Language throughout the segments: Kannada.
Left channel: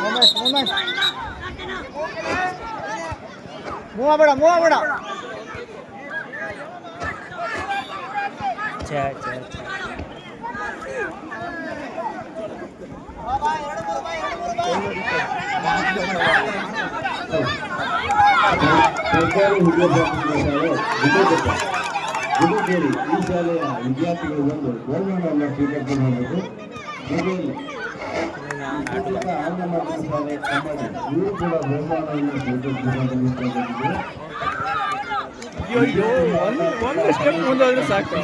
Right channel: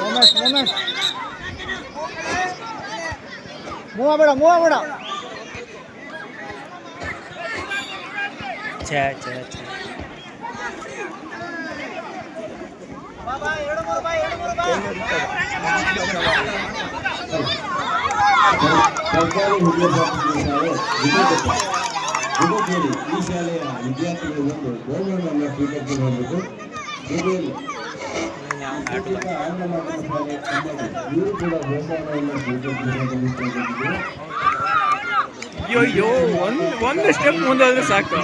ಉಮೇಶ್ ಉಮೇಶ್ ಮೂವ ಬೇಡ ಮೂವ ಬೇಡ ಛೇ ಛೇ ಛೇ ಸರ್ಕಾರಿ ಹಿರಿಯ ಪ್ರಾಥಮಿಕ ಶಾಲೆ ವಿಜಯಪುರ ವಿಜಯಪುರಿ ಈ ಶಾಲೆಯ ವಿದ್ಯಾರ್ಥಿಗಳು ಬಂದು ಬಹುಮಾನವನ್ನು ಸ್ವೀಕರಿಸಿ ಮಾಡಬೇಕು ಅಯ್ಯೋ ಒಂದು ಒಂದು ಸ್ಟೆಪ್ ಮುಂದಾದ್ರೆ ಸಾಕು.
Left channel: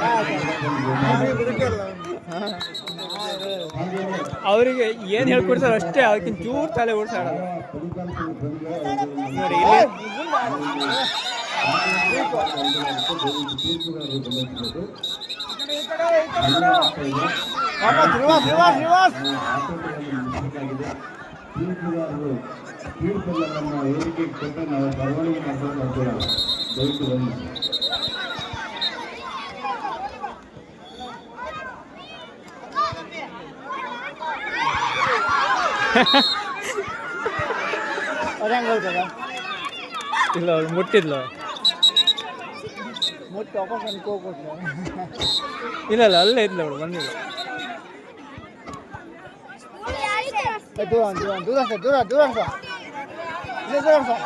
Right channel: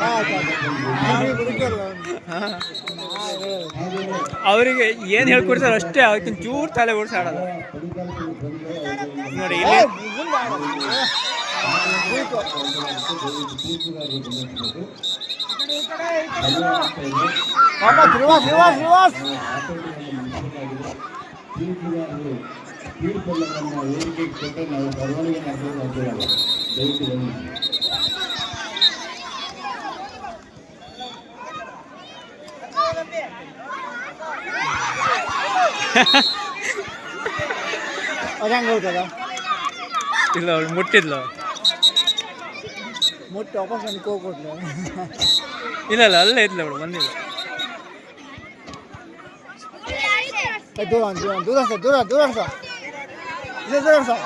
ಅವರಿಗೆ ಏನು ಹೇಳ್ಕೊಡ್ತಾರೆ ಅಷ್ಟೇ ಅದಕ್ಕಿಂತ ಚೂರು ತಲೆ ಓಡಿಸಾಡಲ್ಲ ನೋಡಿ, ಇಲ್ಲಿ ಧ್ರುವ ತೀರ್ಪೆಲ್ಲವನ್ನು ವೇದಿಕೆಗೆ ನಾವು ಬರವಣಿಗೆ ದಯವಿಟ್ಟು ಬನ್ನಿ ಇಲ್ಲ ಅವಳು ಮುಟ್ಟಿದ್ಲು. ಮುಟ್ಟು ವಾಪಸ್ ನನಗೆ ಹೋಗ್ಕೊಟ್ಲು ಇಲ್ಲ ಇಲ್ಲ ಅಲ್ಲೇ ಇದ್ಲು ಅವಳು ಬಂದಿಲ್ಲ ದೂರ ದೂರ ದೂರ ಸರ್ ದೂರ ದೂರ ಸರ್ ಇಲ್ಲ ದೂರ ಸರ್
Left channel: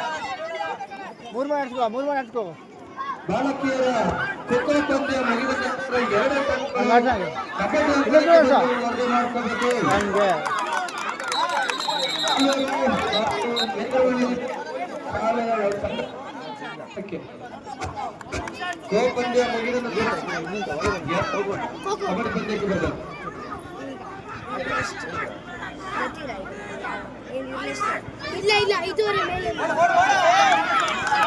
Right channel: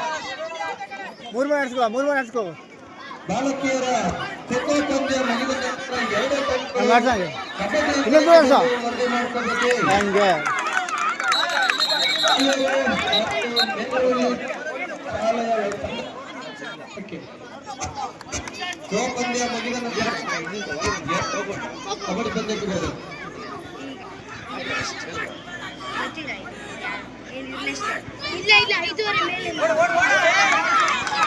ಮೂರು ಮನೆ ಆಡ್ಸ್ಕೋ ಮೂರು ಮನೆ ಆಡ್ಸ್ಕೋ ಬಾಲಕಿಯರ ಚಿತ್ರ ಪಂದ್ಯ ಮುಗಿದ ನಂತರ ಎರಡು ಹಿಂಗೆ ಆಡ್ಸಂಗೆ ಕಬಡ್ಡಿ ಇಲ್ಲ ದೂರ ಸರ್ ವರದಿ ಮಾಡ್ಕೊಳ್ಬೇಕು ನನಗೆ ಶಾಲೆಯ ತಂಡಕ್ಕೆ ಖೋ ಪಂದ್ಯ ಮುಗಿದ ನಂತರ ಕಬಡ್ಡಿ ಪಂದ್ಯಕ್ಕೆ ಬರಬೇಕು ಇಲ್ಲ ಇಲ್ಲ ಐದೂವರೆ ಮೇಲೆ ವಾಪಸ್ ವಾಪಸ್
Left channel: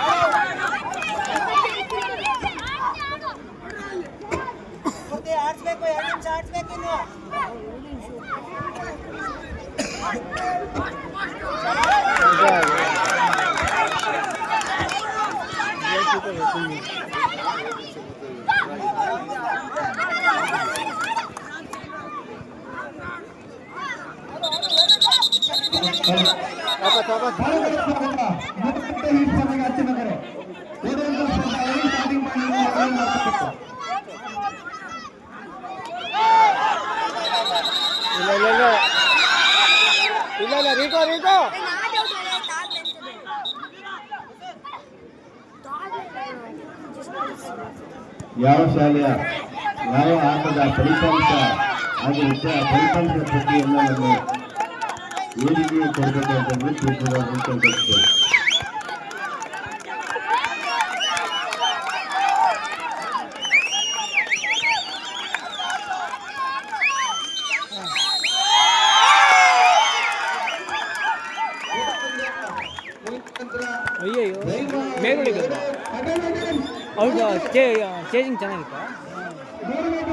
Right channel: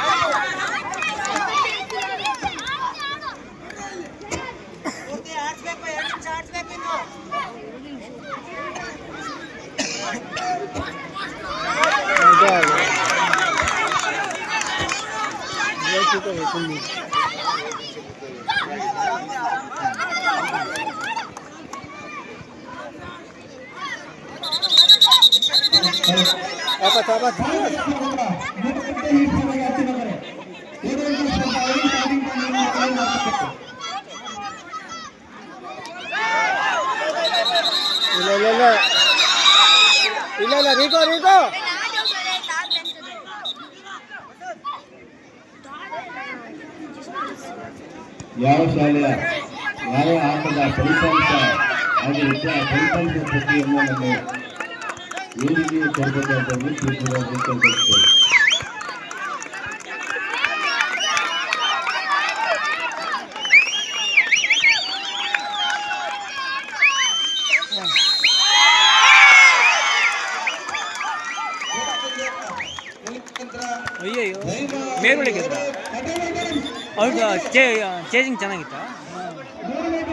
ಇಲ್ಲ ಇಲ್ಲ ಇಲ್ಲ ಇಲ್ಲ ಇಲ್ಲ ರೀಕೋ ರೀಕೋ ಯಾವ ಶಾಲೆಯ ಯಾವ ಆಟದ ಫಲಿತಾಂಶ ಆಗಿರುತ್ತೆ ಆ ಫಲಿತಾಂಶ ಪಟ್ಟಿಯನ್ನು ನಮ್ಮ ವೇದಿಕೆಗೆ ಕೊಡಬೇಕಂತಂದ್ರೆ ತೀರ್ಪುಗಾರರು ಕೇಳ್ಕೊಳ್ತೇವೆ ಅಯ್ಯಯ್ಯೋ ಮೇಲ್ಗಡೆ ಗೆದ್ರ ಅವ್ರಿಗೆ ಚೇ ಚೇಜಿಂಗ್ ಚೆನ್ನಾಗಿತ್ತಾ